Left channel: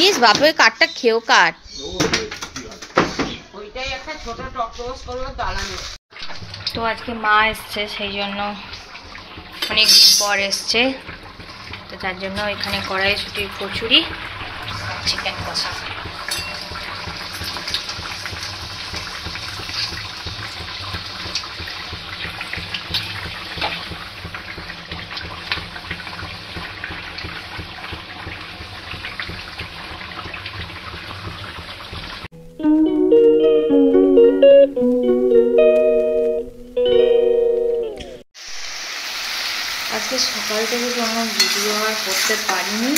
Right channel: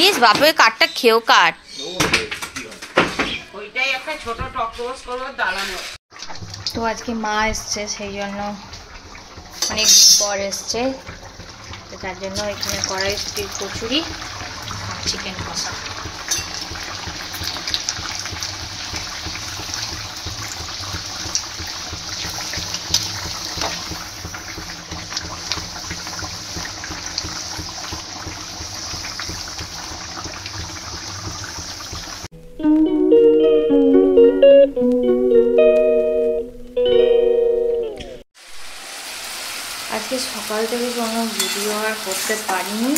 ইস বাপরে কাঠটা খেয়েও কাট। ওইটাই একটা ছোট টকবোস করবো দাঁড়ানো। তো আজকে মা এসছে, সেই জন্য অনেকদিন পর এসছে, তো তার জন্য এখানে কড়াইশুটির কচুরি আর চিকেন কষা। আজকে সকাল থেকে কোনো ভিডিও আর করতে পারিনি,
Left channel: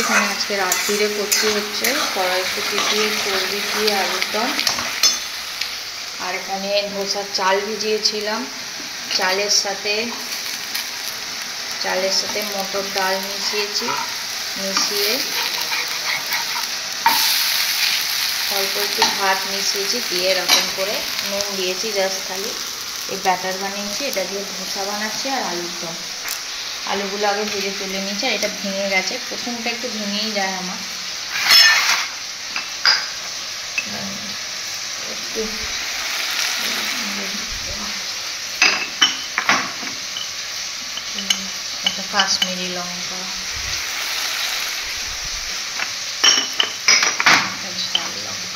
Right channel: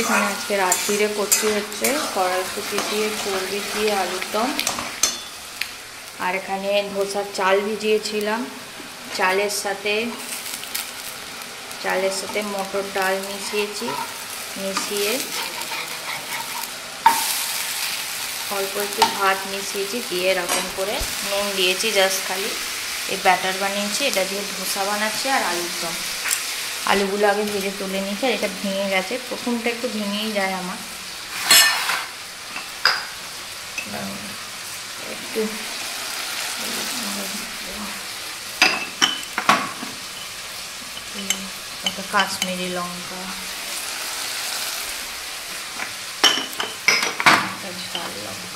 এখানে আজকে রাত্রিরে করতে হচ্ছে কড়াইশুটি দিয়ে চর্বি দিয়ে আলুর দম। আর এখানে ধোসার চাল ভিজিয়েছিলাম, চালের সাথে মটর ডাল মিশিয়েছি, মিশিয়ে অল্প একটু ভাত মিশিয়েছি, দিয়ে এরকম করে নুন দিয়েছি জাস্ট খালি। এই ব্যাটার বানিয়েছি, এটা দিয়ে ধোসা বানাচ্ছি আর আলুর দম। আলুগুলো আগে ভেজে তুলে নিয়েছি, আর এটা ভেঙে গেছে, প্রথমটা একটু ভেঙেই যায় আমার, একটু একটা কাশ্মীরি লঙ্কা, ঝাল লঙ্কা,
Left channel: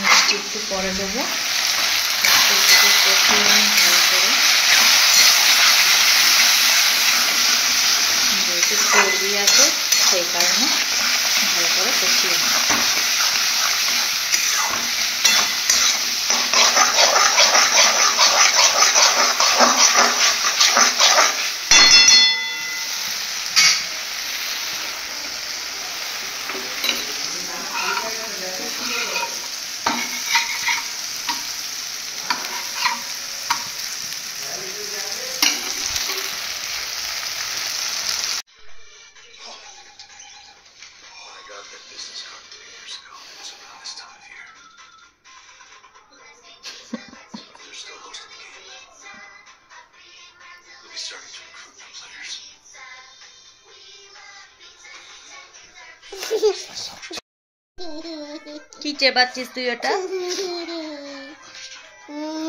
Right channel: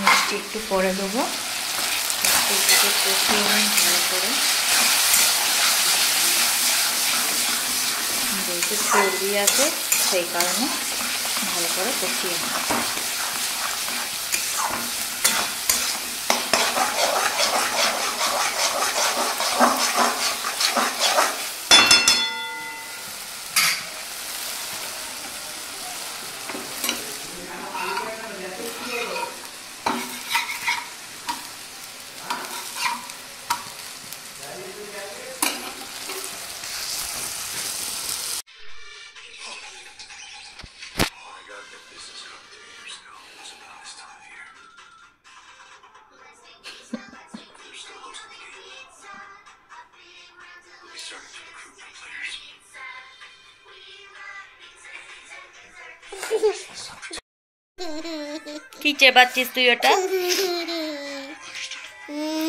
মিষ্টি একটু পরে দেবো, কষিয়ে নিই ভালো করে। যেহেতু চর্বি আছে সেই কারণে ভালো করে কষিয়ে নিই। কি চেবাচ্ছিস তুই ওটা?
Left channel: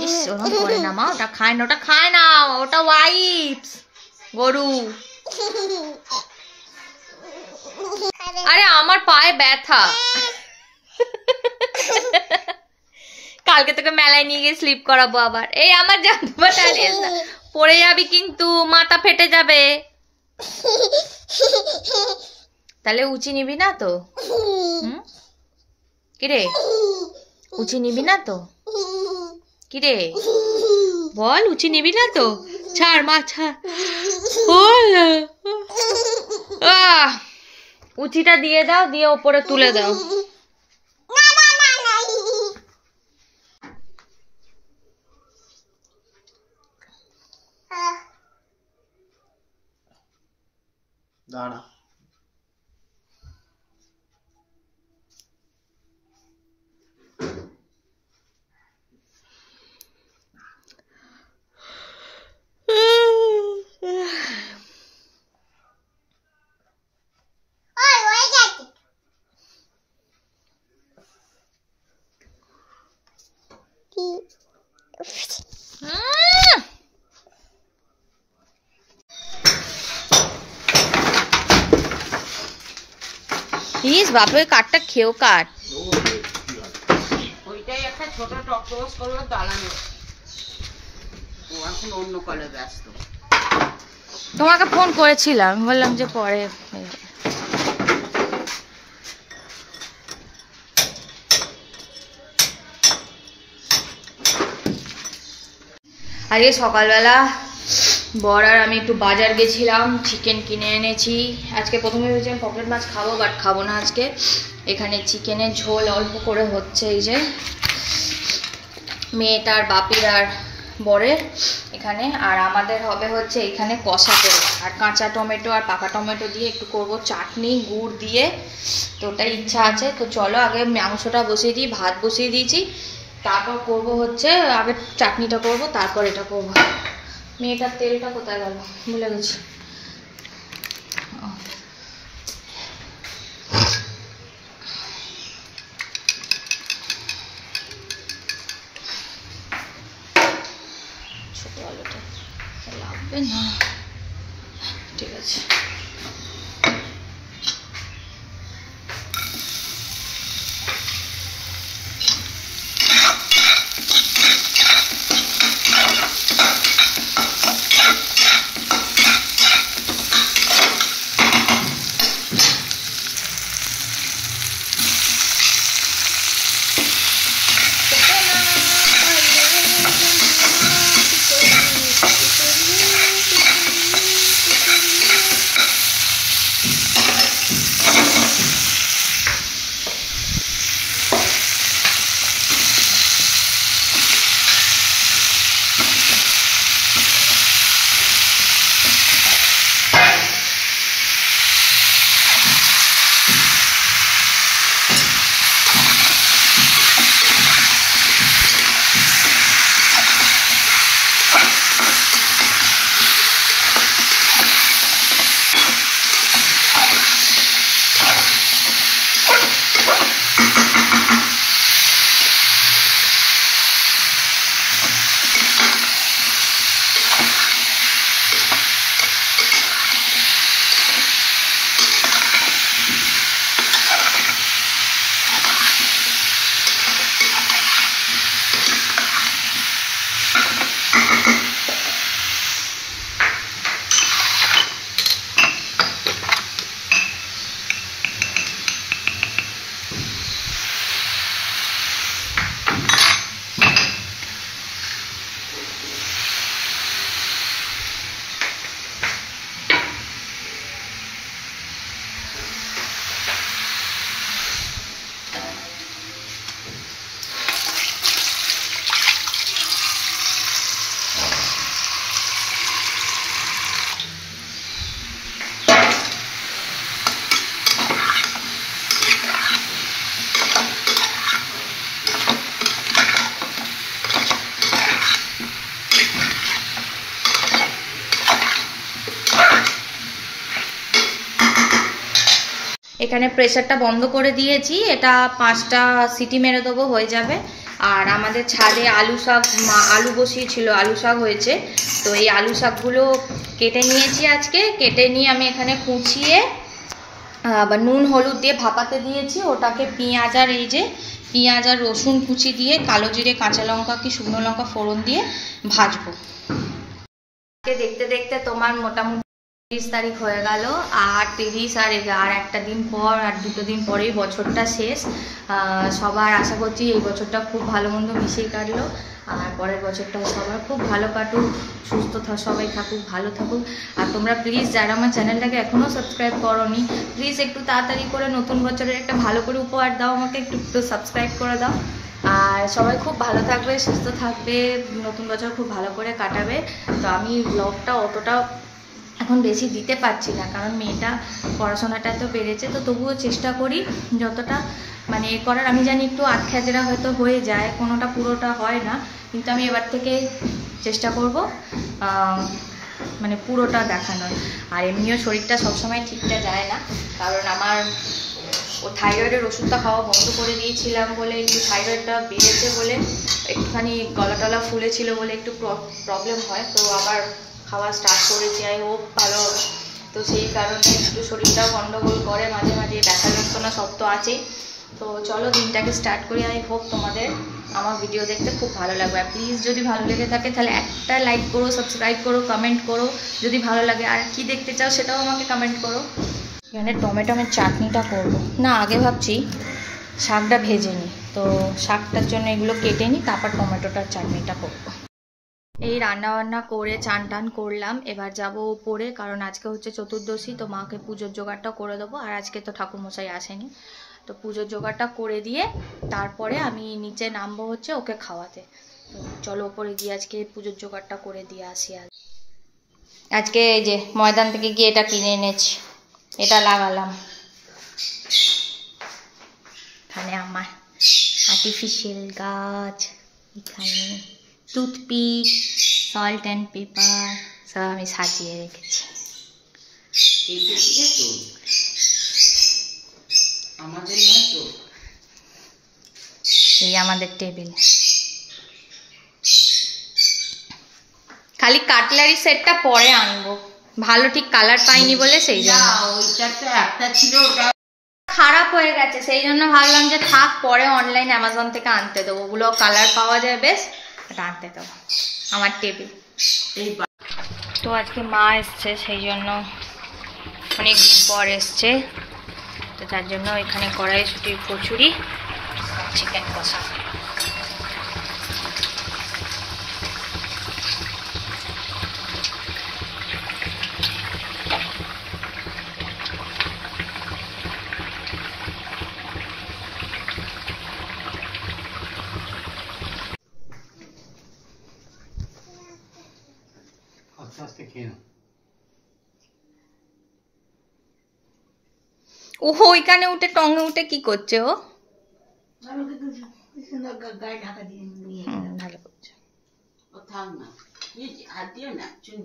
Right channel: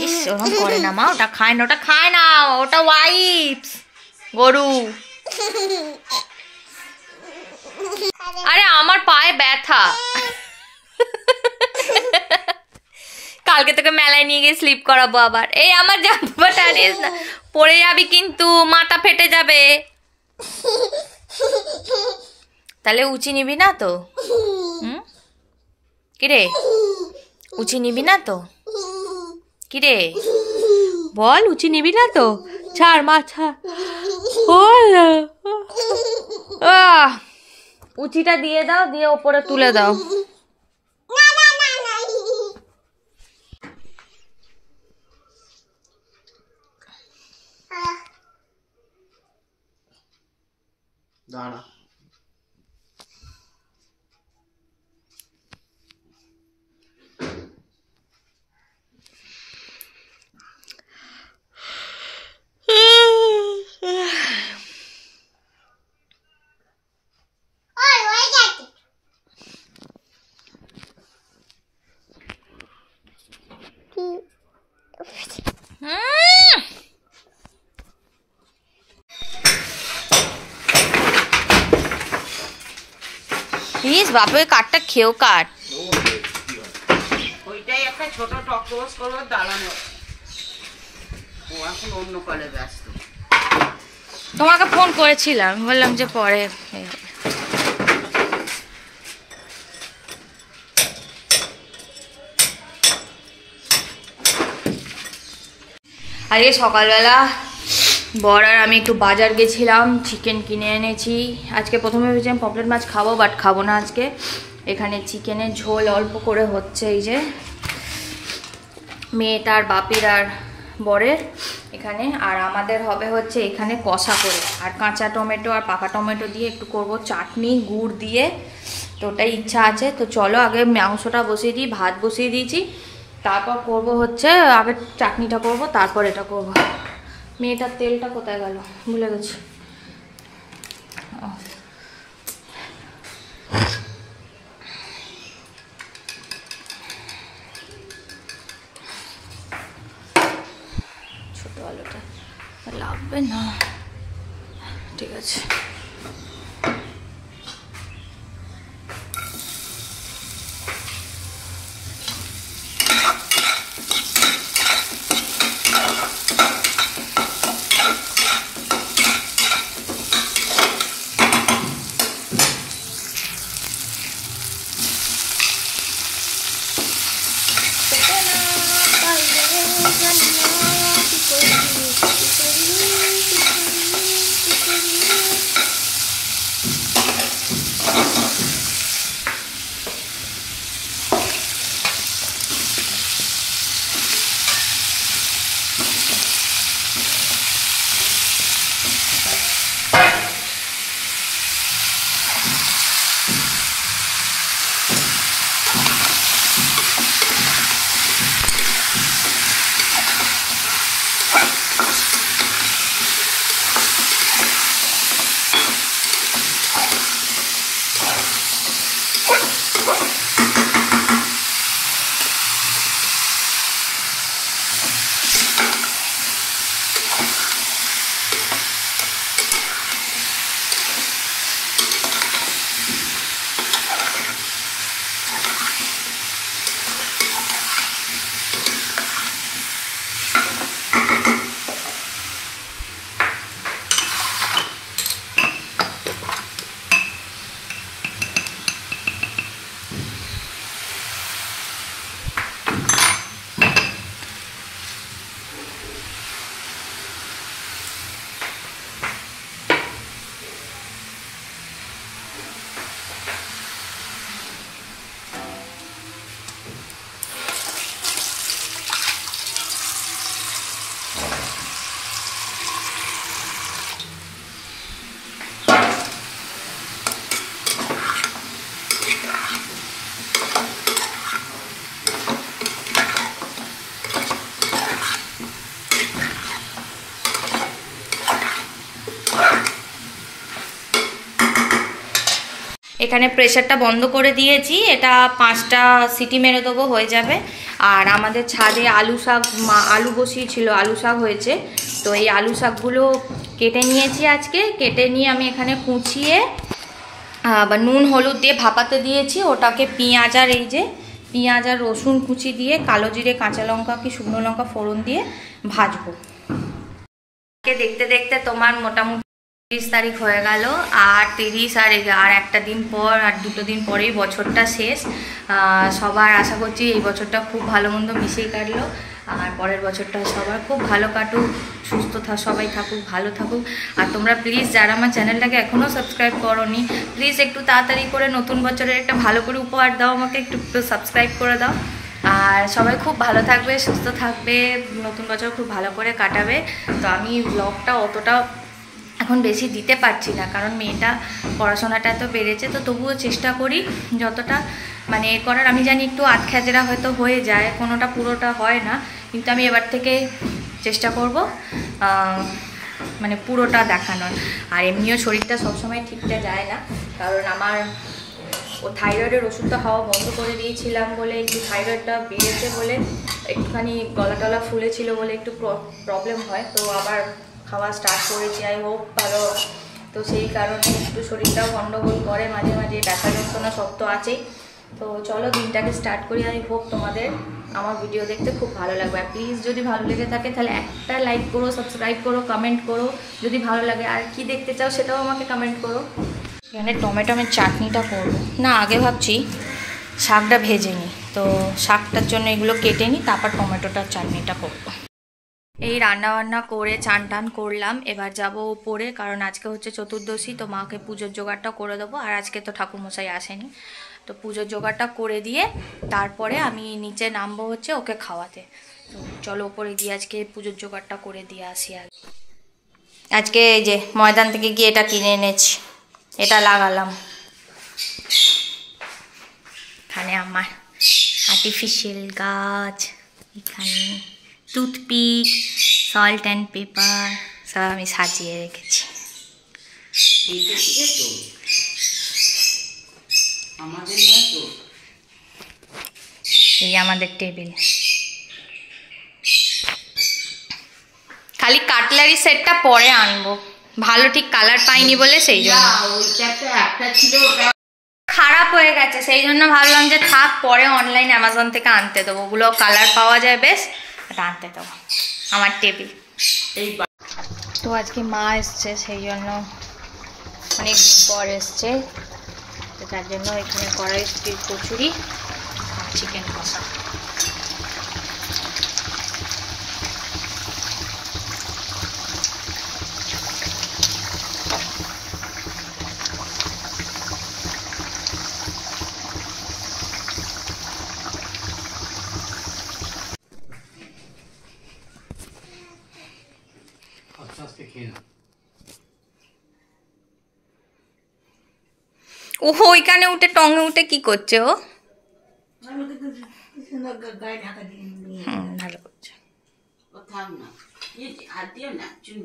ইস ওরকম করে না মা, ওটা খায় না, ওটা খায় না, ওটা ওয়াইপস গরু। আরে আমার পায়ে ব্যথা, কালকে তোকে মেলায় নিয়ে গিয়ে স্লিপ করাবো আবার। এই আমার জামাটা না, পড়ে যাবি কিন্তু, মাথা ফেটে যাবে। তাহলে উঁচি নিবি না তো? কিরে উঁচি নিবি না তো? কিরে বল, উঁচি নিবি না তো? ছাড় মা, ছাড়। উঁচিটা দিয়ে দাও, দিয়ে ওপরে তুলে দাও। দাঁড়া প্লিজ বাপরে কাঠটা খেয়েও কাট। ওইটাই একটা ছোট টকবোস করবো দাঁড়ানো। ও এখন অন্য কলে ব্যস্ত। তোমাকে ফোন করেছিলাম, বললাম যে পরে। আজকে সকালবেলা বর আর আমি একটু বাজার গেছিলাম, চিকেন কিনে এনেছি। আজকে প্রথমে ভেবেছিলাম পপলেট মাছ খাবো, বাট খাবো না আজকে। এখানে চিকেনের ঝোল অল্প করে হচ্ছে, এই যে মেয়েটার বাপির আর বরের এখানে, আর আমাদের হবে হচ্ছে এখানে কষা করে, আর কাঁচা টমেটো আর পাকা টমেটো দিয়ে একটু করব চাটনি গুড় দিয়ে। তো ওটাই ইচ্ছা আছে। তো চলো আগে মাংসটা বসিয়ে দিই, ভাত বসিয়ে দিয়েছি, তারপর করব হচ্ছে আগে চাটনিটা করব, তারপর এটা করব। মেয়েটার তেলটা কোথায় গেল ভুলে গেছি। ছোট আলুটা লাগবে না, ঠিক আছে। এখানে প্রেসারটা বন্ধ করে দিয়েছি, এটা 5টা সিটি মেরে দেবো, হয়ে যাবে। আর আমাদের ছাদে আলু শাক, আলু বসিয়েছিল, আলু শাক হয়েছে, তো এই আলু শাকগুলো কেটে নিয়েছি আজকে। কেটে নিয়ে আমি এখানে কুচিয়ে বা নুন হলুদ দিয়ে ভাপাতে দিয়েছি। ওটাকে পেঁয়াজ আর এই যে পেঁয়াজ আর রসুন কুচি দিয়ে, কালো জিরে কাঁচা লঙ্কা কি শুকনো লঙ্কা ফোড়ন দিয়ে ভাজবো। দেখতে দেখতে তোমার মোটামুটি 30 তারিখ হয়ে গেল, আর 30 আর একটা দিন পর, আর 2 দিন পরেই বছরটা শেষ। সবার আশা করছি এই বছরটা খুব ভালো মন্দ মিশিয়ে কাটলো, আর পরের বছরটা সবার খুব ভালো কাটুক, সুস্থ সবাই থাকুক, ভালো থাকুক। আর তোমরা প্লিজ যারা আমার চ্যানেলটাকে এখনও সাবস্ক্রাইব করোনি, প্লিজ একটু তাড়াতাড়ি করে নতুন বছরের একটা ভালো করে উপহার দাও আমাকে, একটু সাবস্ক্রাইব করে দাও। আর সবাই খুব ভালো থাকবে, সুস্থ থাকবে, নতুন বছর খুব ভালো করে কাটাবে। তো আমি ব্লগটা অতটা এখন বেশি দিতে পারছি না, কারণ মেয়েটা পড়াশোনাটা এত বেড়েছে, তো তবুও চেষ্টা করি যতটা মানে করার। আমি জানি একটু আধখ্যাচেরা হয়তো হয়ে যায়, কোনোটা পুরোটা হয় না, কিন্তু আমি এবার থেকে চেষ্টা করব মানে পুরোটা দেখানোর। আর এমনিও শরীরটা সবসময় ঠিকঠাক যায় না, কারণ আমার থাইরয়েডের ওষুধটা খাওয়া বন্ধ করে দিয়েছিলাম বলে, একটু থাইরয়েডটা বেড়েছে বলে, একটুখানি গলা টলা ফুলেছিল বলে একটু প্রবলেম হয়, তো আবার খাওয়া স্টার্ট করেছি, আই হোপ ভালো হবে। তো সেই কারণে একটু শরীরটাও গন্ডগোল করে মাঝে মাঝে, ব্যথা যন্ত্রণা সব তো আছেই। তো চলো দিনটাকে স্টার্ট করি। আই হোপ তোমাদের আমার ভিডিও দেখতে খুব ভালো লাগবে। আর প্লিজ যদি ভালো লেগে থাকে তাহলে একটা লাইক করো, সাবস্ক্রাইব করো, কমেন্ট করো যদি ভালো লাগে। আর কি দেখতে চাও সেটাও আমাকে কমেন্ট করো। এখানে টমেটোমের চাটনিটা করব না, আগে ভাবছি শাকটা ভেজে নিই, তো শাকটার জন্য এগুলো কেটে নিই, তারপর টমেটোটার চাটনিটা করব। এই রান্নাবান্না করে চান টান করলাম, এবার যাব উপরে, কারণ আজকে হচ্ছে চতুর্দশী, তো মাকে পুজোর জোগাড়টা করে দেবো। আর আজকে তো ঠাকুরমশাই আসেনি, তো পুজোর জোগাড়টা করে দিয়ে তারপরে আমি নিচে নামবো হচ্ছে ওকে খাওয়াতে। তো চলো উপরে গিয়ে আজকে পুজোর জোগাড়টা করে দিয়ে আসি। আজকে এই যে ময়দান থেকে গিয়ে এটা কিনে এনেছি, এটা লাগালাম। এখানে আমার আর্টিফিশিয়াল গাছ, এখানে টুথপিক, সল্ট অ্যান্ড পেপার সব আমি সাজিয়ে রেখেছি। এইটা থেকে তো আমাদের নয় তো। এই আমাদের টেবিল। খালি কাটলারি সেটটা পরে আনবো, ভালো ঠিক কালার পাইনি বলে সেই জন্য। না, ওইটা তো একটা ছিল, ওটা খারাপ হয়ে গেছে, সেই জন্য ভাবলাম যে থাক, পরে অনলাইন অ্যামাজন থেকে আনতে দেবো, ওগুলো কালার পাওয়া যায় বেশ, ওটা আনতে দেবো। আমার টেবিল। এই তো আজকে মা এসছে, সেই জন্য অনেকদিন পর এসছে, তো তার জন্য এখানে কড়াইশুটির কচুরি আর চিকেন কষা। আস্তে আস্তে খেয়ে না। ও ওইখানে উঠে টঙে উঠে কি করছে ও? ভালো করছে। ও থাক না, হাত দিও না, চুন